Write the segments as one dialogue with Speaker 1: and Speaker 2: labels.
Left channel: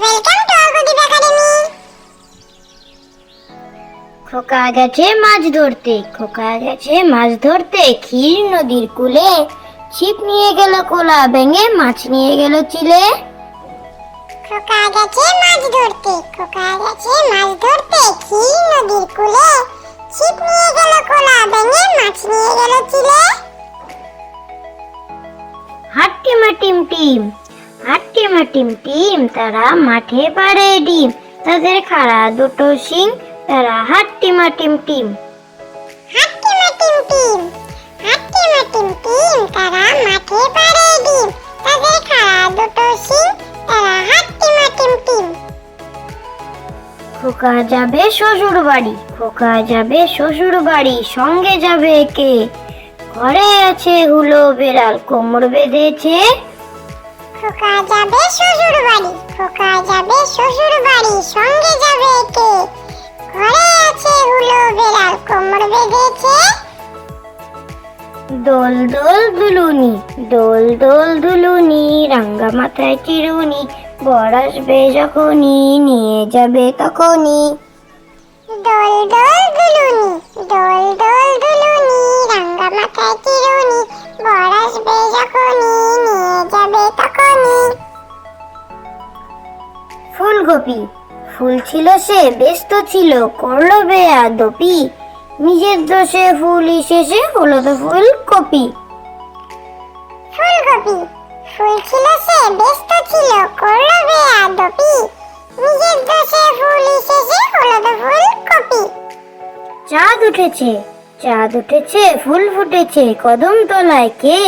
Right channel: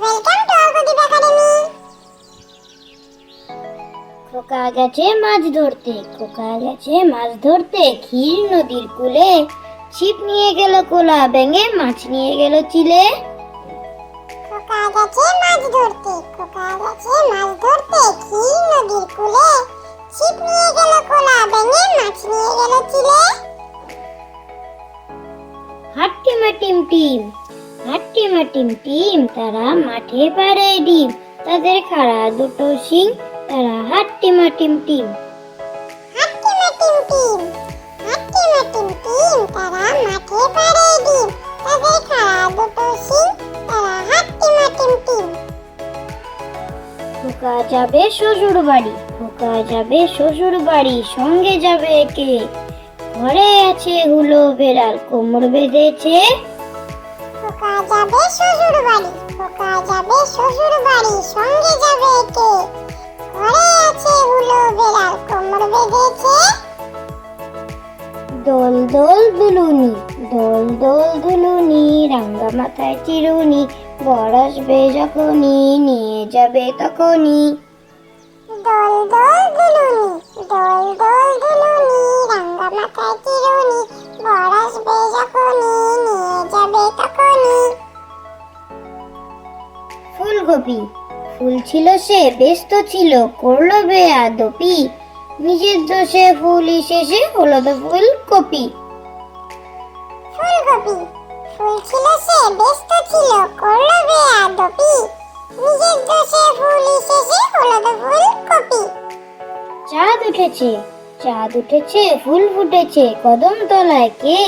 Speaker 1: Welcome to Arghadeep academy
Speaker 2: খোকা গেছে মাছ ধরতে খোকা গেছে মাছ ধরতে। ক্ষীর নদীর কূলে ছিপ নিয়ে গেল কোলা ব্যাঙে মাছ নিয়ে গেল চিলে।
Speaker 1: খোকা গেছে মাছ ধরতে খোকা গেছে মাছ ধরতে। ক্ষীর নদীর কূলে ছিপ নিয়ে গেল কোলা ব্যাঙে মাছ নিয়ে গেল চিলে।
Speaker 2: হাট্টিমা টিম টিম। হাট্টিমা টিম টিম তারা মাঠে পারে ডিম। তাদের খাড়া দুটো শিং তারা হাট্টিমা টিম টিম
Speaker 1: হাট্টি মাটিম টিম হাট্টি মাটিম টিম তারা মাঠে পারে ডিম। তাদের খাড়া দুটো শিং তারা হাট্টি মাটিম টিম
Speaker 2: খোকা যাবে শ্বশুর বাড়ি খোকা যাবে শ্বশুর বাড়ি সঙ্গে যাবে কে? ঘরে আছে হুলো বেড়াল কোমর বেঁধেছে
Speaker 1: খোকা যাবে শ্বশুর বাড়ি, খোকা যাবে শ্বশুর বাড়ি, সঙ্গে যাবে কে ঘরে আছে হুলো বেড়াল, কোমর বেঁধেছে।
Speaker 2: দোল দোল দুলুনি, দোল দোল দুলুনি, রাঙ্গা মাথায় চিরুনি, বর যখনই, নিয়ে যাবে তখনই।
Speaker 1: দোল দোল দুলুনি, দোল দোল দুলুনি, রাঙ্গা মাথায় চিরুনি, বর যখনই
Speaker 2: ফুলকপি ফুল ছিল সে ব্যস্ত ছিল করল বেয়া দপি নিজের দোষে ফুল শেষে হলো তো ফুলকপি।
Speaker 1: ফুলকপি। ফুল ছিল সে ব্যস্ত ছিল করল বেয়া দপি নিজের দোষে ফুল শেষে হলো তো ফুলকপি।
Speaker 2: চাঁদ উঠেছে চাঁদ উঠেছে ফুল ফুটেছে কদম তলায় কে?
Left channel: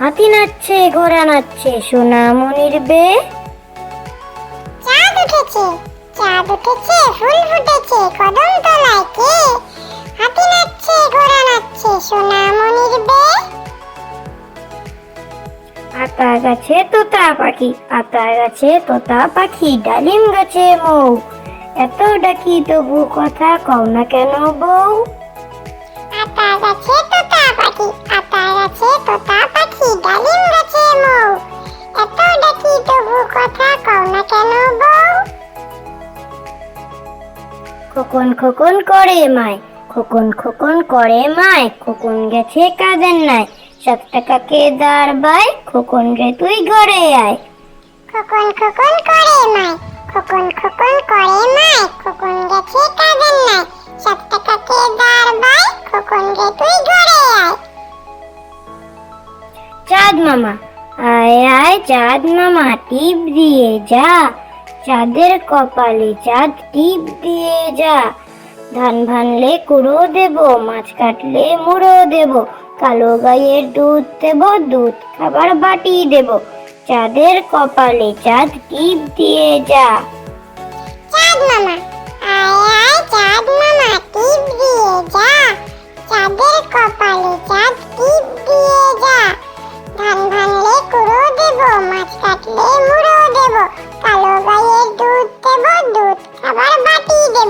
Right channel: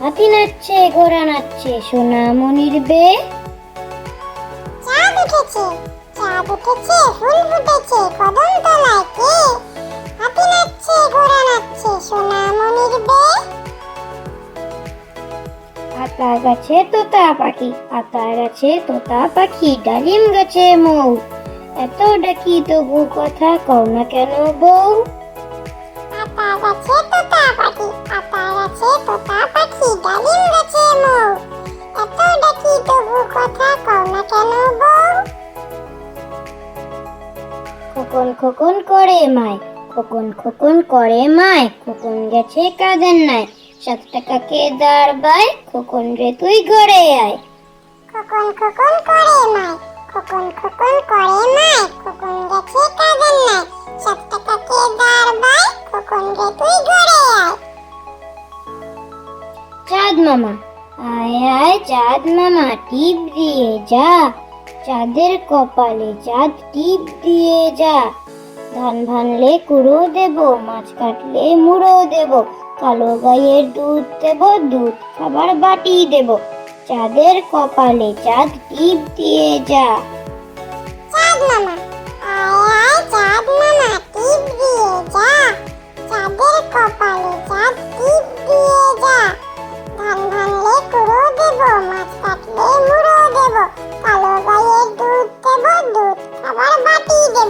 Speaker 2: হাতি নাচছে ঘোড়া নাচছে সোনামণির বে
Speaker 1: উঠেছে। চাঁদ উঠেছে ফুল ফুটেছে কদম তলায় কে? হাতি নাচছে ঘোড়া নাচছে সোনামণির বে।
Speaker 2: আতা গাছে তোতা পাখি আতা গাছে তোতা পাখি ডালিম গাছে মৌ। এত ডাকি তবু কথা কও না কেন বউ
Speaker 1: আতা গাছে তোতা পাখি আতা
Speaker 2: খোকন খোকন করে মায়। খোকন খোকন করে মায় খোকন গেছে কাজের নাই সাত টাকাকে দাঁড় বাই খোকন রে তুই ঘরে আয়।
Speaker 1: খোকন খোকন করে মাই খোকন খোকন করে মাই খোকন গেছে কাজের নাই সাত টাকাকে দাঁড় বাই খোকন রে তুই ঘরে আয়।
Speaker 2: চাঁদ মামা আয় আয় চাঁদ মামা টিপ দিয়ে যা। চাঁদের কপালে চাঁদ টিপ দিয়ে যা। ধান ভানলে কুড়ো দেব, মাছ কাটলে মুড়ো দেব, কালো গায়ের দুধ দেব, দুধ খাবার বাটি দেব। চাঁদের কপালে চাঁদ টিপ দিয়ে যা।
Speaker 1: চাঁদ মামা, আয় আয় চাঁদ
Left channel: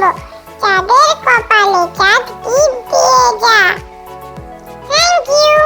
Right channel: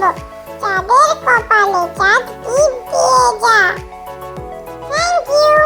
Speaker 1: বলল চাঁদের কপালে চাঁদ টিপ দিয়ে যা। Thank you